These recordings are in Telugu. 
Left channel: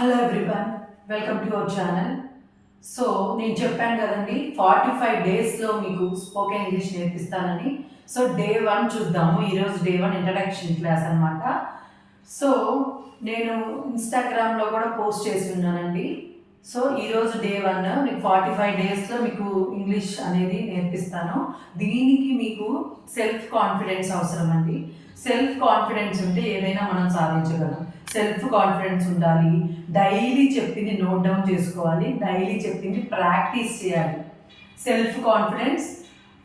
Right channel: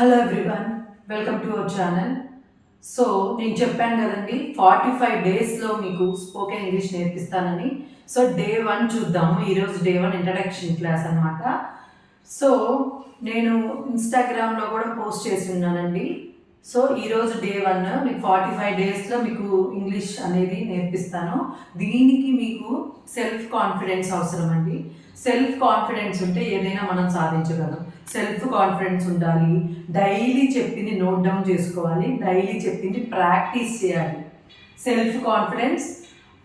Hello everyone, welcome to our channel. So నేను చెప్పాను కదండి 45 డేస్లో మీకు స్పోకెన్ ఇంగ్లీష్ నేర్పిస్తానని. సో డే 1 చూద్దాము. ఈరోజు డే 1 ఇంట్రడక్షన్ క్లాస్ అనమాట. సో నేను ఇన్స్టాగ్రామ్లో కూడా పోస్ట్ చేసి ఉన్నానండి. సో ఈరోజు డే 1 మీకు 45 డేస్లో మీకు ఇంగ్లీష్ అనేది నేర్పిస్తాను. దీనికి మీకు సెల్ఫ్ కాన్ఫిడెన్స్ అవసరం అండి. సెల్ఫ్ కాన్ఫిడెన్స్ ఉంటే ఏదైనా మనం సాధించగలం. సెల్ఫ్ కాన్ఫిడెన్స్ ఉండాలి. డైలీ చెప్పింది నోట్ డౌన్ చేసుకోవాలి. డైలీ చెప్పింది ప్రాక్టీస్ చేయాలి. సెల్ఫ్ కాన్ఫిడెన్స్,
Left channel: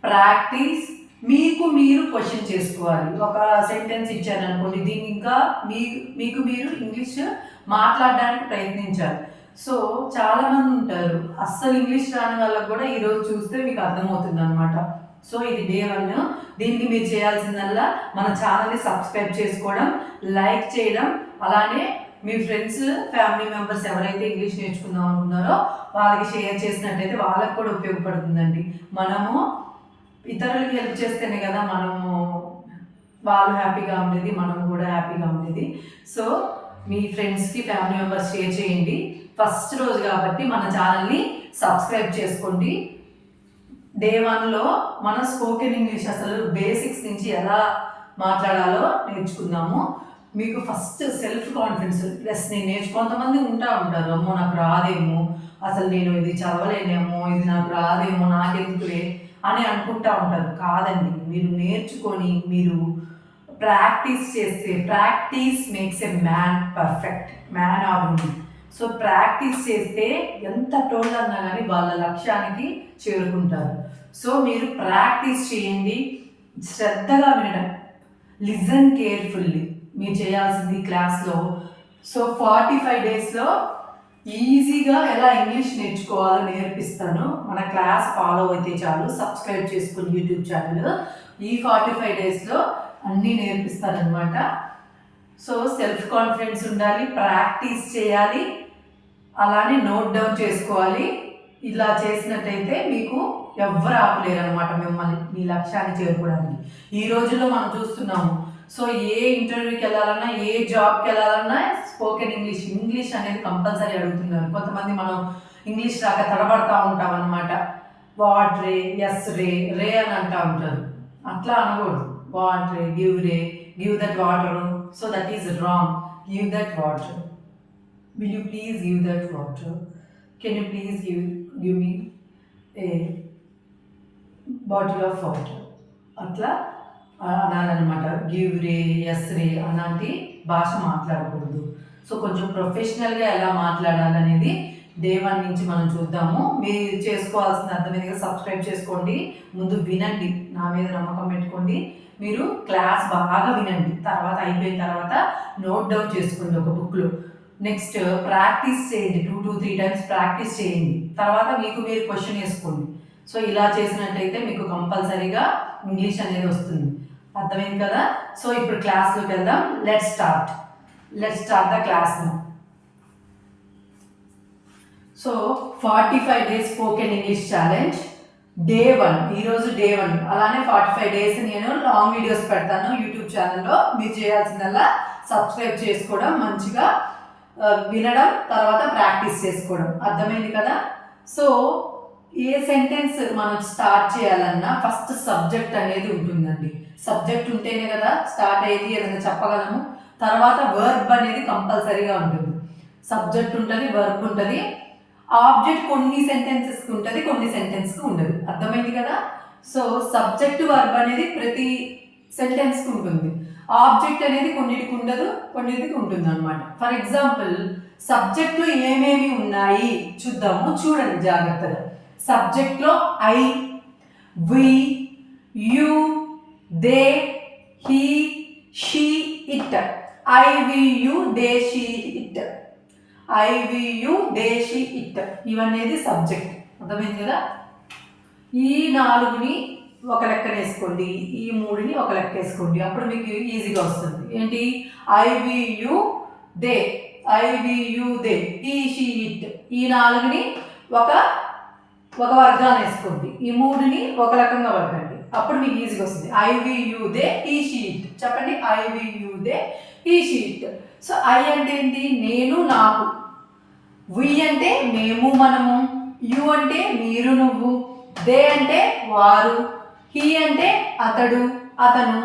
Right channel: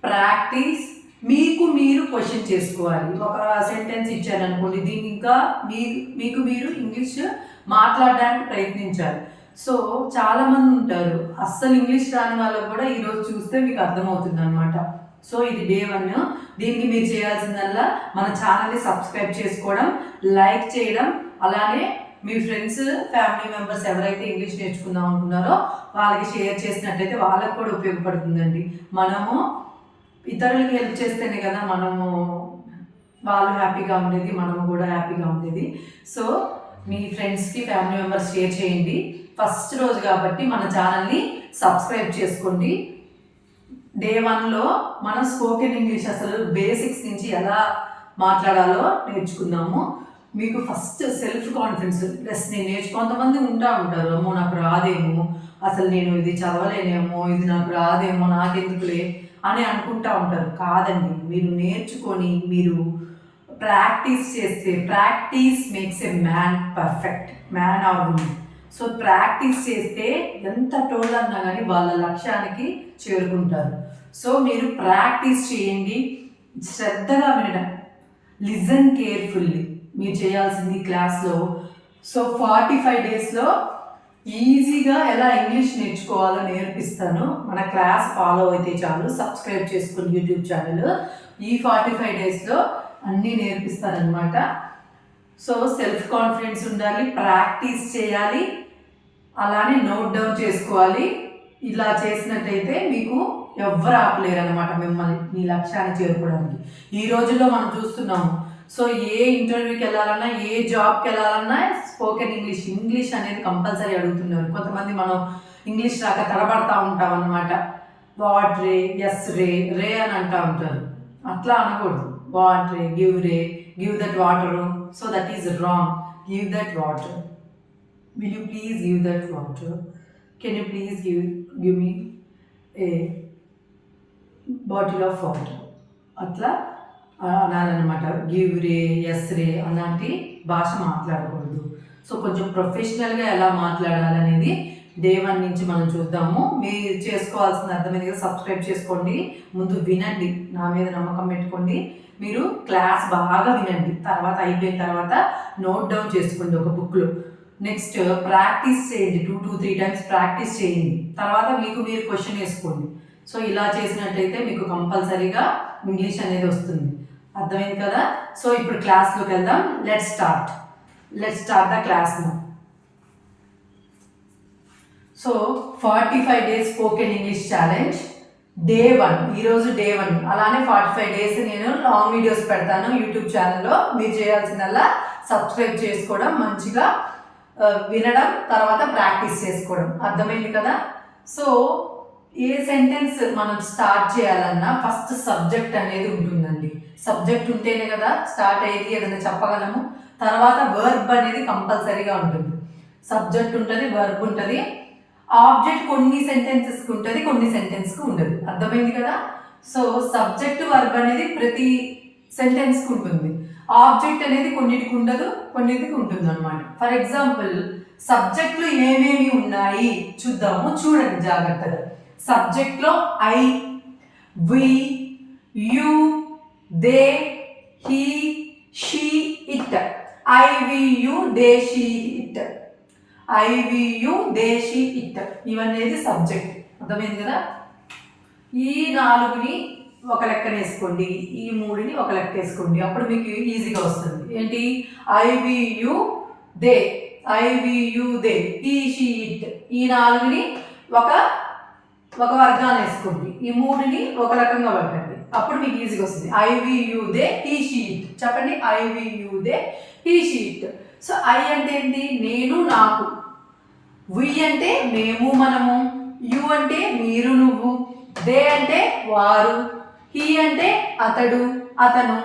ప్రాక్టీస్, మీకు మీరు క్వశ్చన్ చేసుకోవాలి. ఒక సెంటెన్స్ ఇచ్చారనుకోండి, దీన్ని ఇంకా మీకు మీరు ఇంగ్లీష్ మాట్లాడడానికి ప్రయత్నించాలి. సో చాలామంది ఉంటారు అస్సలు ఇంగ్లీష్ రాని వాళ్ళకు కూడా ఈరోజు చూస్తే మీకు అర్థమవుతుంది అనమాట. సో ఇది డే 1. దీనికి మీరు చేయాల్సిందల్లా మన ఛానల్ని సబ్స్క్రైబ్ చేసుకోవడం, లైక్ చేయడం, అలానే మీ ఫ్రెండ్స్, ఫ్యామిలీ మెంబర్స్ ఎవరైతే ఇంగ్లీష్ నేర్చుకుందాం అనుకున్నారో వాళ్ళకి షేర్ చేసినట్టయితే వాళ్ళకి కూడా ఉపయోగపడుతుందండి. మనము ఇతరులకి హెల్ప్ చేస్తేనే కదా మనము వాళ్ళు హ్యాపీగా ఉండేది, మనము కూడా హ్యాపీగా ఉండేది. సో మీ ఫ్రెండ్స్కి, ఫ్యామిలీ మెంబర్స్ షేర్ చేయండి. ఫస్ట్ రోజు కాబట్టి మన ఛానల్ని సబ్స్క్రైబ్ చేసుకోండి. డే 1లో మన స్పోకెన్ ఇంగ్లీష్ అసలు బేసిక్స్ నుంచి ఎలా మాట్లాడాలో నేర్చుకుందాము. మీకు ఫస్ట్ సెల్ఫ్ కాన్ఫిడెన్స్ ప్లస్ నేను కొంతమంది ఉంటారు, అమ్మో నాకు రాదేమో, అసలు నేను ఇది చదవలేనేమో, ఇది నాకు రాదేమో, నాకెందుకులే అని అనుకుంటా ఉంటారు. కాదండి, మీరు నేర్చుకొని మీరు ప్రాక్టీస్ చేస్తే, practice makes a man perfect, man or women. So practice చేస్తే ఎంత టోల్ అన్నా కానీ వాళ్ళ లక్ష్యానికి చేరుకుంటారు. సో మీరు ప్రాక్టీస్ చేయండి, శ్రద్ధగా వినడం, లిజన్ కేర్ఫుల్లీ మీరు చేయాల్సింది క్లాస్లో. సో 45 డేస్లో ఈజీగా ఎలా ఇంగ్లీష్ నేర్చుకోవాలో నేర్పిస్తాను. మన క్లాస్ ఫాలో అయితే చాలు, సబ్స్క్రైబ్ చేసుకుని యూట్యూబ్ ఛానల్. ఈ 45 డేస్లో అన్నీ నేర్పిస్తానమాట. సో సెల్ఫ్ కాన్ఫిడెన్స్ ఉండాలి, ప్రాక్టీస్ చేయాలి, అలానే నోట్ డౌన్ చేసుకోవాలి. ఇలా చేసినట్టయితే మీకు ఎవ్వరు ఆపలేరు అనమాట మిమ్మల్ని మీ లక్ష్యాన్ని చేరుకోవడానికి. ఈ రోజుల్లో మనం చూస్తున్నాము. సో ఏ ఇంటర్వ్యూకి వెళ్ళాలన్నా, ఏ జాబ్కి వెళ్ళాలన్నా స్పోకెన్ ఇంగ్లీష్ అనేది కంపల్సరీ అడుగుతున్నారు. కొంతమంది మనం ఇంగ్లీష్ రాక తడబడతా ఉంటాం అనమాట. వాట్ రే, ఎస్ రే, రే అని అంటూ ఉంటారు. అట్లా అనకూడదు. What ray, give that water. So that is wrong. Give that water. Will you please give that water? Can you please give me a bottle of water? అట్లా అనాలన్నమాట. గివ్ రే, ఎస్ రే అలాంటి భాష మాట్లాడకూడదు. సో కొంచెం ప్రొఫెషనల్గా ఎలా మాట్లాడాలనేది డే 1 నుంచి మనం చూద్దాము. మీరు చేసుకోవాల్సిన అర్థమైందిగా సబ్స్క్రైబ్ చేసుకోండి. ముందు వినండి, నా మీద నమ్మకం పెట్టుకోండి. మీరు క్లాస్ బాగా వినండి. తర్వాత అయిపోయిన తర్వాత నోట్ డౌన్ చేసుకోండి ఒక బుక్లో. నెక్స్ట్ ప్రాక్టీస్ చేయండి, 2 to 3 times ప్రాక్టీస్ చేయండి. తర్వాత మీకు మీరు క్వశ్చన్ వేసుకోండి. సో ఇలా చేసినట్టయితే మీకు కంపల్సరీగా ఇంగ్లీష్ అనేది వస్తుంది. అర్థమైంది కదా? సో ఇప్పుడు క్లాస్లోకి వెళ్దాం. Let's start the class now. So 45 days spoken English challenge day 1. ఈరోజు డే 1. అలానే 45 డేస్ నేను లాంగ్ వీడియోస్ పెడతాను యూట్యూబ్ ఛానల్లో. మీరు చేయాల్సిందల్లా సబ్స్క్రైబ్ చేసుకోవడం, మంచిగా వినడం, తర్వాత ప్రాక్టీస్ చేసుకోవడం. అర్థమైంది కదా? సో ఏ సెంటెన్స్ మనం స్టార్ట్ చేయాలన్నా ఫస్ట్ సబ్జెక్ట్ అనేది ఉంటుందండి. సబ్జెక్ట్ ఉంటేనే కదా స్టార్ట్ అయ్యేది, ఏదైనా చెప్పగలము. తర్వాత వర్బ్ అనేది కంపల్సరీగా ఉంటుంది. సబ్జెక్ట్ ఉంటుంది, వర్బ్ ఉంటుంది. ఆబ్జెక్ట్ కొన్ని సెంటెన్సెస్కి ఉంటుంది, కొన్ని సెంటెన్స్కి ఉండదు. అర్థమైంది కదా? సో సబ్జెక్ట్, వర్బ్ అనేది ప్రతి సెంటెన్స్కి ఉంటుంది. ఆబ్జెక్ట్ అనేది కొన్నిటికి ఉండదు, కొన్నిటికి ఉంటుంది అనమాట. ఫర్ ఎగ్జాంపుల్ సబ్జెక్ట్లో ఏమేమి ఉన్నాయి చూద్దాము. చూడండి జాగ్రత్తగా. సబ్జెక్ట్లో I, we, you, they, he, she, it. I, we, you, they, she, it. I, we, you, they, she, it. ఇవన్నీ సబ్జెక్ట్. అర్థమైంది కదా? ఈ 4ని ఒక లెక్కన వేసుకోండి, ఈ 3ని ఒక లెక్క వేసుకోండి. అప్పుడు మీకు ఈజీగా వస్తుంది. ఏంటి? I, we, you, they, I, we, you, they, he, she, it. ఈ 4ని ఒక వర్గాన్ని వేసుకోండి, ఈ 3ని ఒక రకంగా వర్గండి. అప్పుడు మీకు ఈజీగా వస్తుంది. I, we, you, they, he, she, it. చెప్పండి. I, we, you, they, he, she, it. So I అంటే ఏంటి? నేను, నాకు. వి అంటే మేము మనము, యు అంటే మీరు నువ్వు, దే అంటే వారు, హీ అంటే అతడు అతను,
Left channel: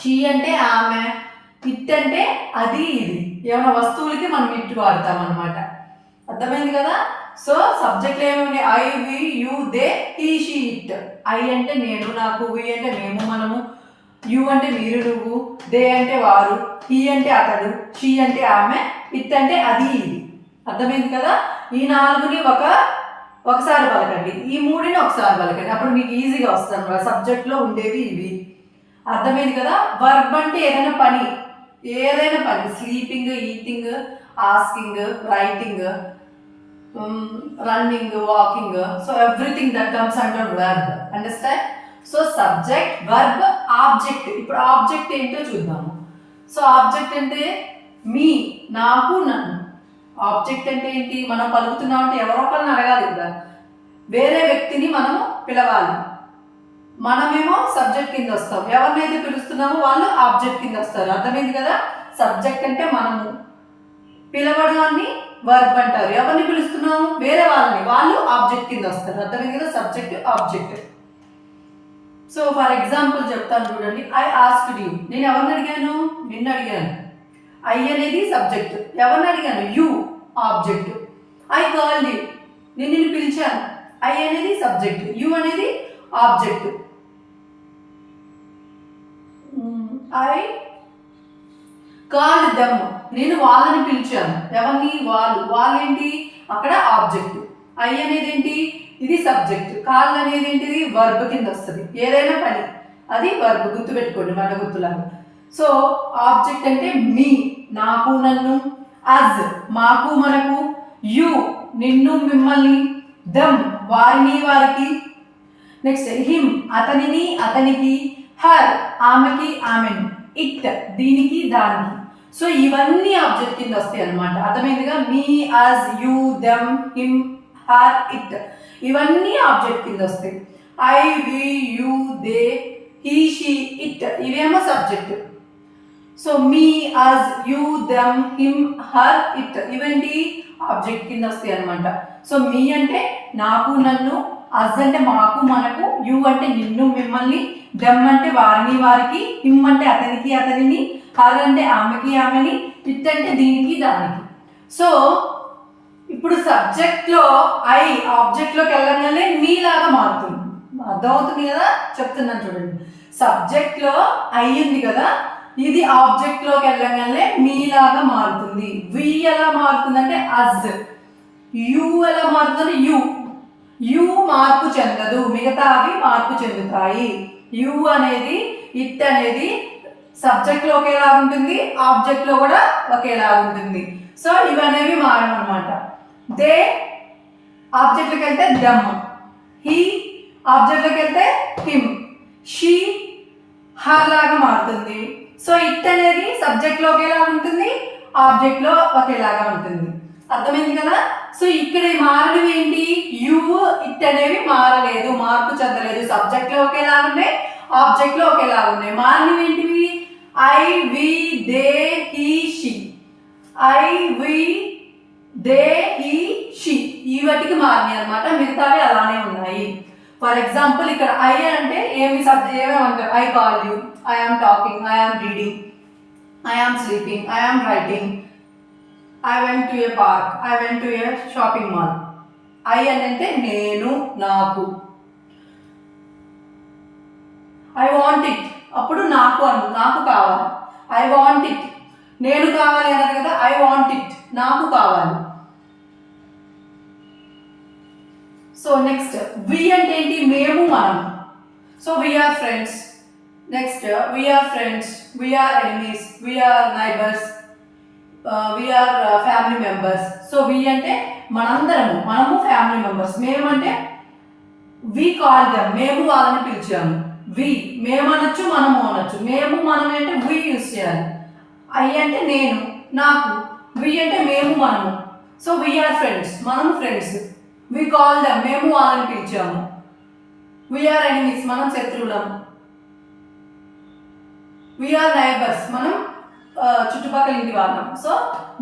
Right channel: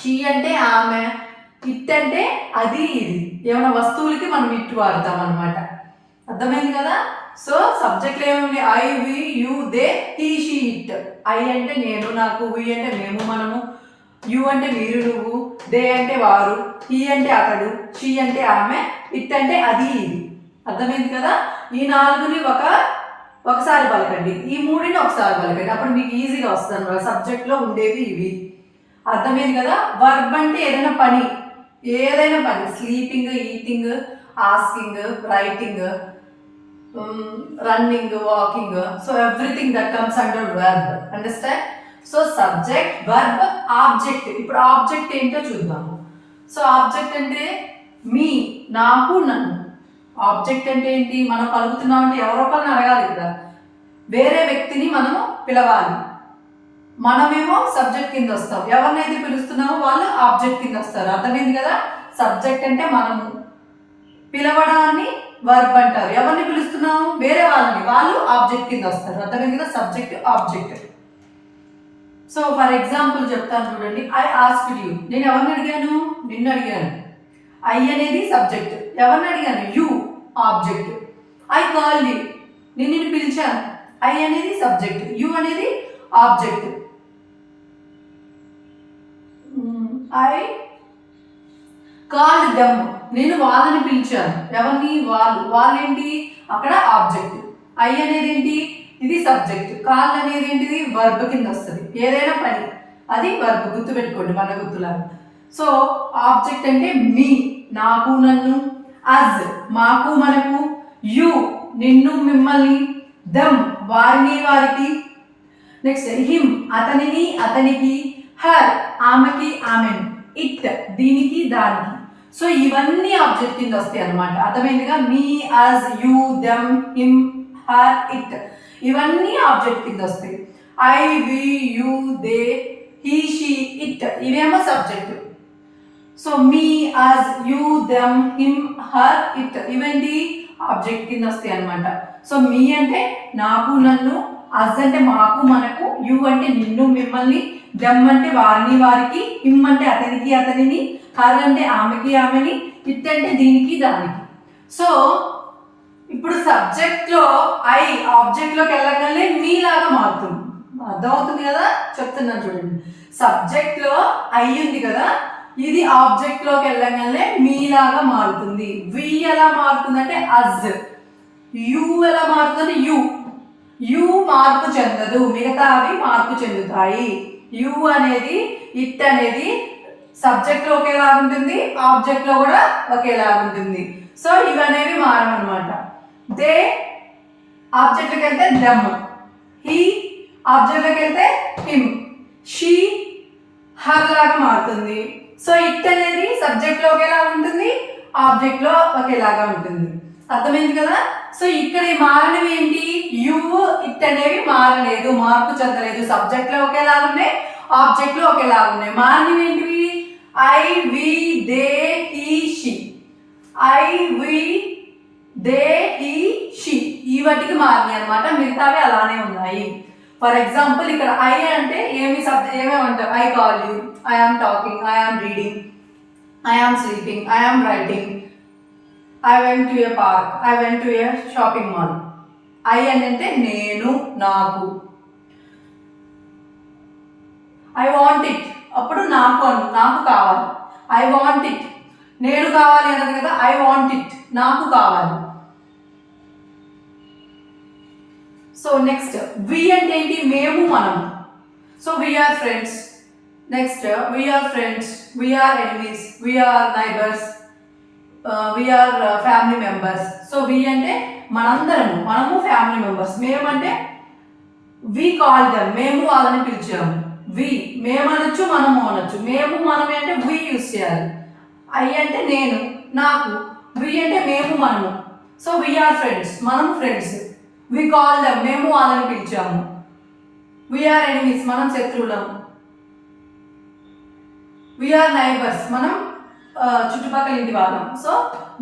షీ అంటే ఆమె, ఇట్ అంటే అది ఇది. ఏమైనా వస్తువులకి మనం ఇట్ వాడతాం అనమాట. అర్థమైంది కదా. సో సబ్జెక్ట్లో ఏముంది? I, we, you, they, he, she, it. I అంటే నేను నాకు, వి అంటే మేము మనము, యు అంటే మీరు నువ్వు, దే అంటే వారు, హీ అంటే అతడు, షీ అంటే ఆమె, ఇట్ అంటే అది ఇది. అర్థమైంది కదా. ఈ 4ని ఒకసారి పలకండి, ఈ 3ని ఒకసారి పలకండి, అప్పుడు మీకు ఈజీగా వస్తుంది అన్నమాట. సబ్జెక్ట్లో ఉండేవి ఇవి. అర్థమైంది కదా. వర్బ్ అంటే ఏదైనా పని, sleeping, eating, asking, writing, running, walking. So everything that comes under verb. Understand. So subject, verb, object. ఇప్పుడు ఆబ్జెక్ట్ ఏంటో చూద్దాము. సో ఆబ్జెక్ట్ అంటే మీ, నాకు, నన్ను. ఆబ్జెక్ట్ అంటే ఏంటి? మనం పలుకుతున్నామంటే ఎవరో పని అడగాలి కదా, వేరే వ్యక్తిని మనము పిలవాలి. మనమేమో సబ్జెక్ట్ కింద వస్తాం, ఎవరినైతే పిలుస్తున్నామో వాళ్ళు ఆబ్జెక్ట్ కింద వస్తారు. అర్థమైంది కదా. సబ్జెక్ట్ అంటే మనము, పిలవడాన్ని వర్బ్ అంటారు. ఎవరిని పిలుస్తున్నాము? వేరే వాళ్ళని, వాళ్ళు ఆబ్జెక్ట్ కింద వస్తారు. అర్థమైంది కదా. Subject, object. So for example చెప్తాను చూడండి. I asked you. నేను ఎవరిని అడిగాను? నిన్ను అడిగాను. ఐ అనేది సబ్జెక్ట్. ఎవరిని అడిగాను? You object. I called you. నేను నిన్ను పిలిచాను. ఐ అనేది సబ్జెక్ట్, యూ అనేది ఆబ్జెక్ట్. I called them. నేను వాళ్ళని పిలిచాను. ఎవరిని? వాళ్ళేంటి? అక్కడ ఆబ్జెక్ట్. ఐ అనేది ఏంటి? ఇది సబ్జెక్ట్. కాల్ అనేది ఏంటిది? వర్బ్ కింద వస్తుంది. ఏదైనా పని అది వర్బ్. గుర్తుపెట్టుకోండి, మన గుర్తులాగా. సో ఆబ్జెక్ట్ అంటే మీ, నాకు, నన్ను. అజ్ మాకు, మనకు. యు నిన్ను, మిమ్మల్ని. దమ్ వారిని, వారికి. నెక్స్ట్ హిమ్ అతనిని, అతనికి. హర్ ఆమెకి, ఆమెను. ఇట్ దీనికి, దానికి. సో ఇవన్నీ ఆబ్జెక్ట్ కింద వస్తాయి అనమాట. అర్థమైందిగా. Me, us, you, them, him, her, it ఇవన్నీ ఆబ్జెక్ట్ కింద వస్తాయి. I, we, you, they, he, she, it ఇవేమో subject. So me, us, you, them, him, her, it ఇవేంటి? ఆబ్జెక్ట్ కింద వస్తాయి అనమాట. సో మీ అంటే నాకు, నన్ను. అజ్ అంటే మాకు, మనకు. యు అంటే నిన్ను, మిమ్మల్ని. దమ్ అంటే వారిని, వారికి. హిమ్ అంటే అతనికి, అతనిని. హర్ అంటే ఆమెకి, ఆమెని. ఇట్ అంటే దీనికి, దానికి. సో ఇప్పుడు సబ్జెక్ట్లో ఐ ఆబ్జెక్ట్లోకి వెళ్ళగానే మీలాగా మారుతుంది. అర్థమవుతుంది కదా. చెప్తున్నాను చూడండి. సబ్జెక్ట్లో ఐ ఉంది కదా, ఇది ఆబ్జెక్ట్లోకి వెళ్ళగానే మీలాగా మారుతుంది. వి ఎలా మారుతుంది అంటే అజ్. యు ఎలా మారుతుంది? యు మార్పు చెందదు, మిగతావి మార్పు చెందుతాయి. యు అనేది, ఇట్ అనేది సబ్జెక్ట్లో ఒకేలాగా ఉంటుంది, ఆబ్జెక్ట్లో కూడా ఒకేలాగా ఉంటుంది. సో ఇవనేవి మారమన్నమాట. దే ఆబ్జెక్ట్లోకి వెళ్తే దమ్, హీ ఆబ్జెక్ట్లోకి వెళ్తే హిమ్, షీ హర్ లాగా మారుతుంది. సో ఇట్ అనేది సబ్జెక్ట్లో ఒకేలాగా ఉంటుంది, ఆబ్జెక్ట్లో ఒకేలాగా ఉంటుంది. అర్థమైంది కదా. సో ఇక్కడ మారడం ఏంటి? యు, ఇట్ అనేవి మారలేదు, మార్పు చెందలేదు. సబ్జెక్ట్లో ఒకేలాగా ఉన్నాయి, ఆబ్జెక్ట్లో ఒకేలాగా ఉన్నాయి. మారినవి ఏంటివి? I, we, they, he, she. I, we, they, he, she ఈ వాటికి మారినాయి అనమాట. మిగతావి అలానే ఉన్నాయి. ఫర్ ఎగ్జాంపుల్ ఇక్కడ ఐ అంటే ఏమేమి అంటారు? I call you, I am talking, I am reading, I am sleeping, I am writing, I went to a park, I went to a shopping mall. I అని అంటే నేను, నాకు. ఐ వాంట్ ఇట్ అప్పుడు నాకు కావాలి. ఐ వాంట్ ఇట్ నేను కావాలి అన్నది కదా. ఐ వాంట్ ఇట్ నాకు కావాలి. సో నెక్స్ట్ వి అంటే ఏంటి? మేము, మనము. So we are friends. Next we are friends, we are enemies, we are neighbours, we are family members. So we అంటే మనందరము, మనము ఫ్యామిలీ మెంబర్స్. మేము అంటే వి కాల్ దెమ్, మేము వాళ్ళని పిలిచాము. వి మేము అనొచ్చు, మనము అనొచ్చు. మేము, మనమే అంటే వి యూస్ చేయాలి. ఐ అంటే నేను, నాకు. వి అంటే మేము, మనము. సో వీఆర్ ఫ్రెండ్స్, మనము ఫ్రెండ్స్. వి కాల్ దెమ్, మేము వాళ్ళని పిలిచాము. వీఆర్ ఎనిమీస్, మనం శత్రువులం. వీఆర్ నైబర్స్, మనం చుట్టుపక్కల ఇంటి వాళ్ళం. సో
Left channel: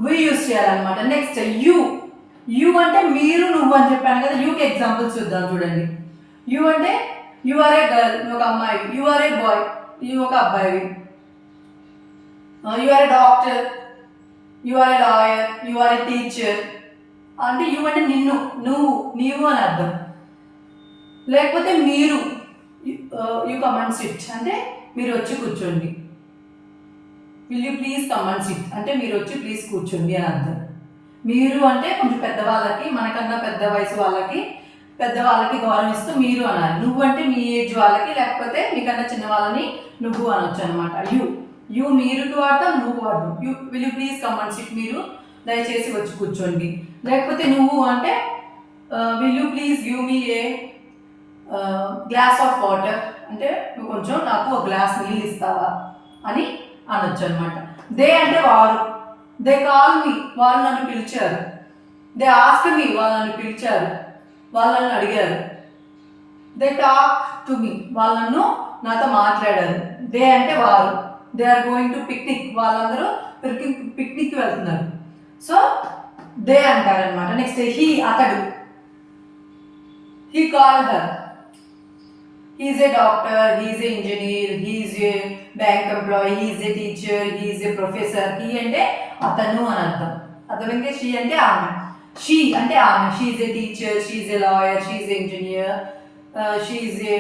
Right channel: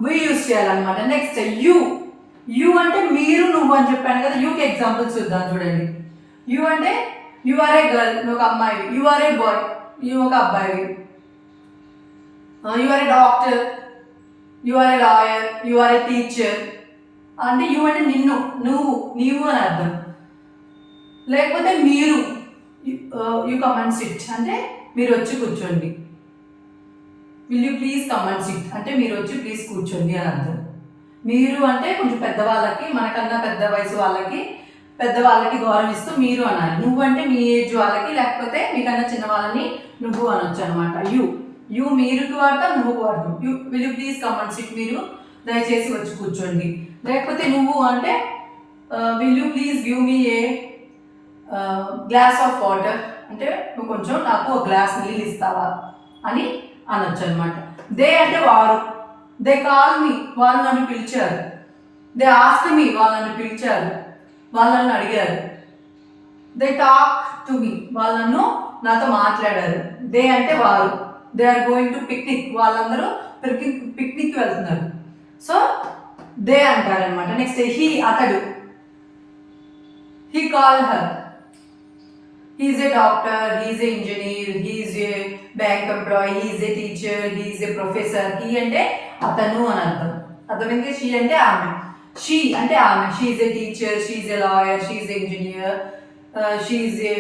వి యూస్ చేయాలన్నమాట. నెక్స్ట్ యూ యు అంటే మీరు నువ్వు అని చెప్పాను కదా. యూకి ఎగ్జాంపుల్స్ చూద్దాం చూడండి. యు అంటే యు ఆర్ ఏ గర్ల్, నువ్వు ఒక అమ్మాయి. You are a boy, you ఒక అబ్బాయి. You are a doctor, you are a lawyer, you are a teacher. అంటే యు అంటే నిన్ను, నీవు అని అర్థం. లేకపోతే మీరు, యు కమ్ అండ్ సిట్ అంటే మీరు వచ్చి కూర్చోండి. Will you please come and SIT అంటే మీరు వచ్చి ప్లీజ్ కూర్చోండి అని అర్థం. మీరు అంటే కొంచెం పెద్దవాళ్ళకి, మనకన్నా పెద్ద వయసు వాళ్ళకి, పెద్దవాళ్ళకి గౌరవం ఇస్తూ మీరు అన్నారు. నువ్వు అంటే మీ ఏజ్ వాళ్ళకి, లేకపోతే మీకన్నా చిన్న వాళ్ళని నువ్వు అనొచ్చు అనమాట. యూ మీరుకి వాడతాం, నువ్వుకు వాడతాం. Will you please come and SIT మీరు దయచేసి వచ్చి కూర్చోండి. లేకపోతే నువ్వు అంటే will you please give me A glass of water అంటే నువ్వు కొంచెం నాకు ఒక గ్లాస్ నీళ్ళు ఇస్తావా అని అనొచ్చు అనమాట. దే అంటే వారు. దే కాల్ మీ, వాళ్ళు నన్ను పిలిచారు. దే ఆస్క్ మీ, వాళ్ళు నన్ను పిలిచారు, వాళ్ళు నన్ను అడిగారు. దే టాక్ టు మీ, వాళ్ళను నాతో మాట్లాడారు. దే అంటే వారు. They are going to picnic, వాళ్ళందరూ పిక్నిక్ వెళ్తున్నారు. సో దే అంటారనమాట. నెక్స్ట్ హీ అతడు. He call her. He is a doctor, he is a engineer, he is a bank employee, he is a teacher, he is a professor. He అంటే అతను అని అర్థం. అర్థమైంది. షీ అంటే ఆమె. షీ అంటే ఆమె. She is a teacher, she is a lawyer, she is a engineer, she is a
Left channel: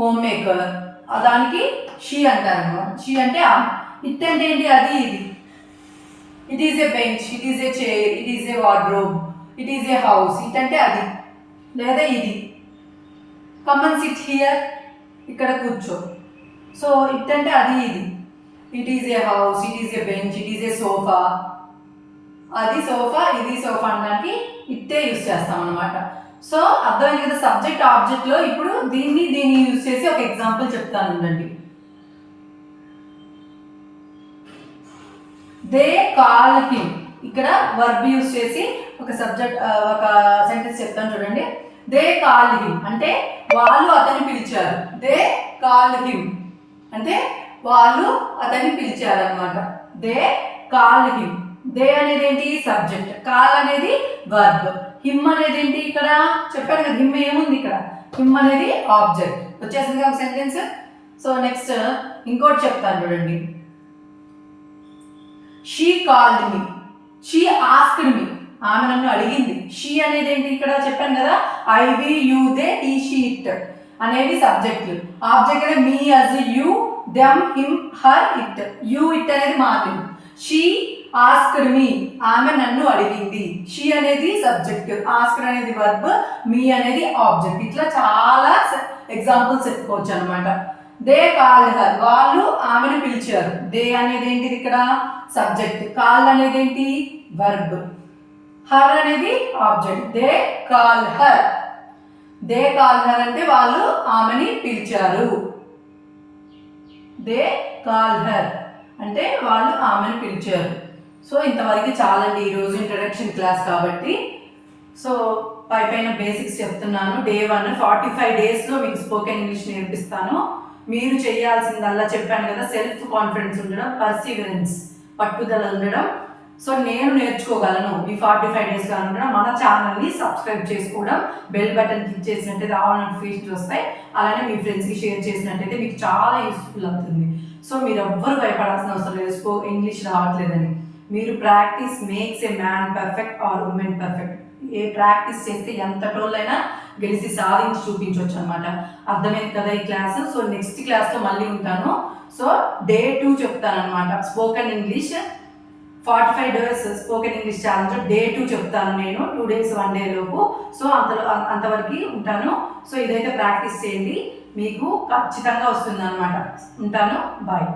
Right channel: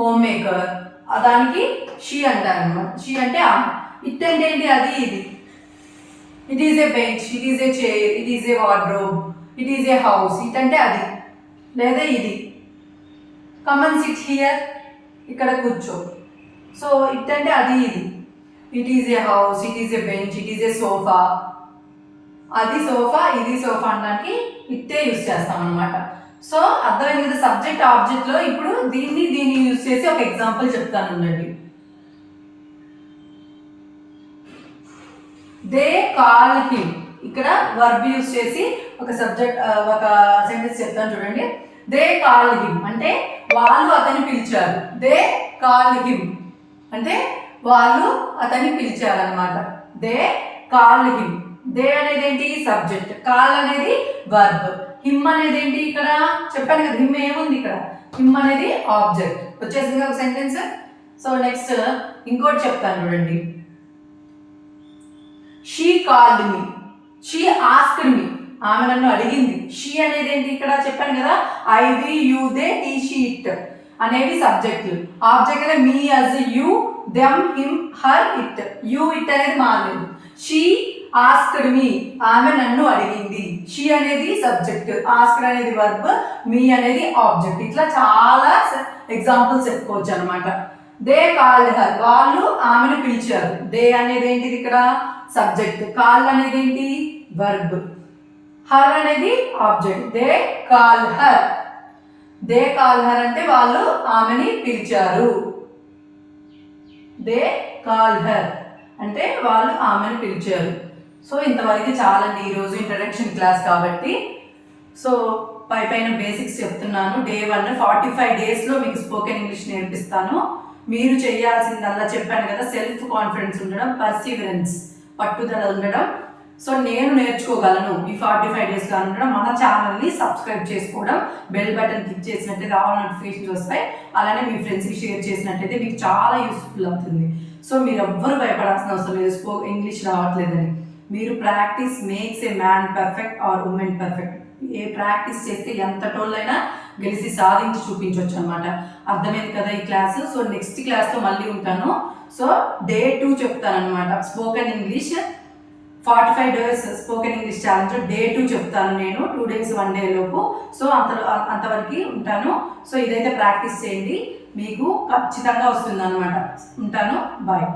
home maker. దానికి షీ అంటారనమాట. షీ అంటే ఆమె. ఇట్ అంటే ఏంటి? అది ఇది. It is a bench, it is a chair, it is a wardrobe, it is a house. It అంటే అది లేదా ఇది. కమ్ అండ్ సిట్ హియర్, ఇక్కడ కూర్చో. సో ఇట్ అంటే అది ఇది. It is a house, it is a bench, it is a sofa. అది సోఫా, ఇది సోఫా అనడానికి ఇట్టే యూజ్ చేస్తాం అనమాట. సో అర్థమైంది కదా సబ్జెక్ట్ ఆబ్జెక్ట్లో. ఇప్పుడు దీన్ని యూజ్ చేసి ఒక ఎగ్జాంపుల్ చెప్తానండి. దే కాల్ హిమ్, ఇక్కడ వర్బ్ యూజ్ చేసి ఒక సెంటెన్స్ చెప్తాను చూడండి. దే కాల్ హిమ్ అంటే వాళ్ళు అతన్ని పిలిచారు. దే కాల్ హిమ్ అంటే వాళ్ళు అతన్ని పిలిచారనమాట. They call him. దే అనేది ఏంటి? సబ్జెక్ట్. కాల్ అనేది వర్బ్. హిమ్ అనేది ఏంటి? ఇక్కడ చెప్పాను కదా హిమ్ ఏముంది ఇక్కడ? హిమ్ అనేది ఆబ్జెక్ట్. వచ్చేసింది ఒక సెంటెన్స్. సో నెక్స్ట్ ఇంకోటి చెప్తాను చూడండి. She called me, she asked me, ఆమె నన్ను అడిగింది. షీ అనేది ఏంటి? ఇక్కడ చెప్పాను కదా I we you they he she it అనేవి సబ్జెక్టులు. ఆబ్జెక్ట్ అనేది me, us, you, them, him, her, it. You it అనేది మారింది. షీ ఆస్క్డ్ మీ, ఆమె నన్ను అడిగింది. షీ అనేది సబ్జెక్ట్, ఆస్క్డ్ అనేది వర్బ్, మీ అనేది ఆబ్జెక్ట్. ఇట్లా చాలా ఎగ్జాంపుల్స్ చెప్పుకోవచ్చు అనమాట. దే కాల్డ్ హర్, వాళ్ళు ఆమెను పిలిచారు. దే అనేది ఏంటిది? ఇక్కడ సబ్జెక్ట్. కాల్ అనేది ఏంటి? వర్బ్. హర్ అనేది object. They call her. They call her అంటే వాళ్ళు ఆమెని పిలిచారు. దే కాల్ హర్ అంటే వాళ్ళు ఆమెను పిలిచారు. సో ఇంతవరకు చాలండి ఈరోజు ఇంట్రడక్షన్ క్లాస్ కాబట్టి. సో పైన బేసిక్స్ చెప్తున్నాను. డే 1 45 డేస్లో మీకు స్పోకెన్ ఇంగ్లీష్ నేర్పిస్తాను. మీరు చేయాల్సిందల్లా చెప్పాను కదా సెల్ఫ్ కాన్ఫిడెన్స్ ఉండడం, పర్సీవరెన్స్ పట్టుదల ఉండడం. సో నేను నేర్చుకోగలను ఈ 45 డేస్లో ఉండడం. మన ఛానల్ని సబ్స్క్రైబ్ చేసుకోవడం, బెల్ బటన్ క్లిక్ చేసినట్టయితే ఆల్ నోటిఫికేషన్స్ వస్తాయి. అలానే మీ ఫ్రెండ్స్కి షేర్ చేసినట్టయితే మీకు చాలా యూస్ఫుల్ అవుతుంది. సో మీరు ఎవ్వరు భయపడాల్సిన అవసరం లేదు ఇంగ్లీష్ రావట్లేదని. మీరు practice makes a man perfect or women perfect. ఏ ప్రాక్టీస్ చేస్తే ఎంత టోళ్ళైనా గెలిచి సాధించి చూపించవచ్చు అనమాట. అర్థమైంది కదా ఈ క్లాసు. సో నెక్స్ట్ క్లాస్తో మళ్ళీ ఉంటాను. సో డే 2 చెప్తాను అనమాట. Spoken English 45 days spoken English challenge day 2 చెప్తాను నేను. 2 డేస్ 1 డే లోపు. సో అంతవరకు ఉంటాను. సో ఇదైతే ప్రాక్టీస్ చేయండి, మీకు ఖచ్చితంగా వస్తుంది అనమాట. ఉంటాను. బాయ్.